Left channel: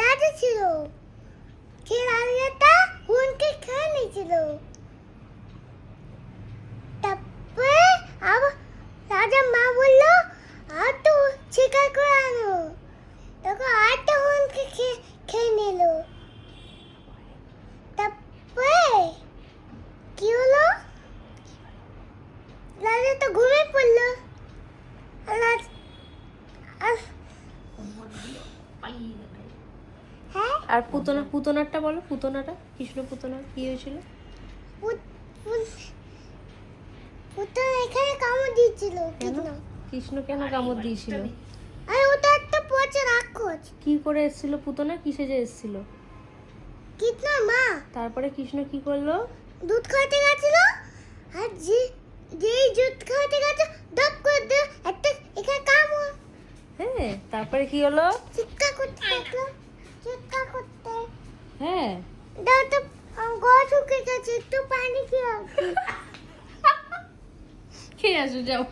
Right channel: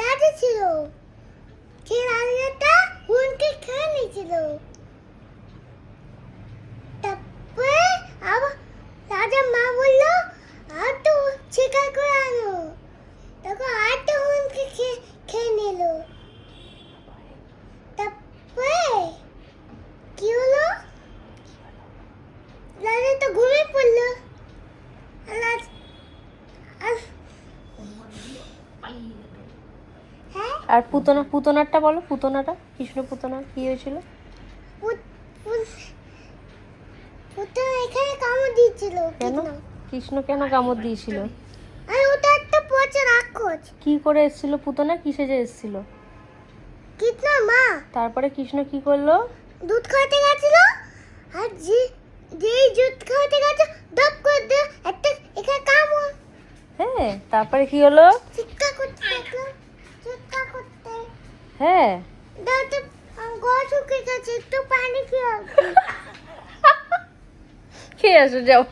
রাজা ছিল, সেই রাজাটা হুনকে খেয়ে নিয়েছিল। তারপরে আবার রাজার মা বললো আর তো শিকার করে আনো, তখন আরেকটা হুনকে খেয়ে নিল। তারপরে কি হলো, রাজা তো ঘুমিয়ে পড়লো। হ্যাঁ, আর পুতনারটা বলো, পুতনাটা কৃষ্ণ পুতনা কি হয়েছিল? পুত্র এখানে কামড় দিয়েছিল। কেন? কৃষ্ণ কেন কামড় দিয়েছিল? আর ওটা একটা পচা রাক্ষস। কি করে এসেছিল পুতনা, কি সেজে এসেছিল? কৃষ্ণ মা। তারপরে কৃষ্ণ কি করলো? দুধ খাওয়াতে গেছিল, আর যেই দুধ খাওয়াতে গেছে দপ করে একটা এখানে কামড়। হ্যাঁ, তারপরে কি হলো? চিৎকার করতে থাকলো, চিৎকার করতে। হ্যাঁ, দাও তো, গলা শুকিয়ে গেছে, একটু পানি খেয়ে আসি। খেয়ে আসো যাও।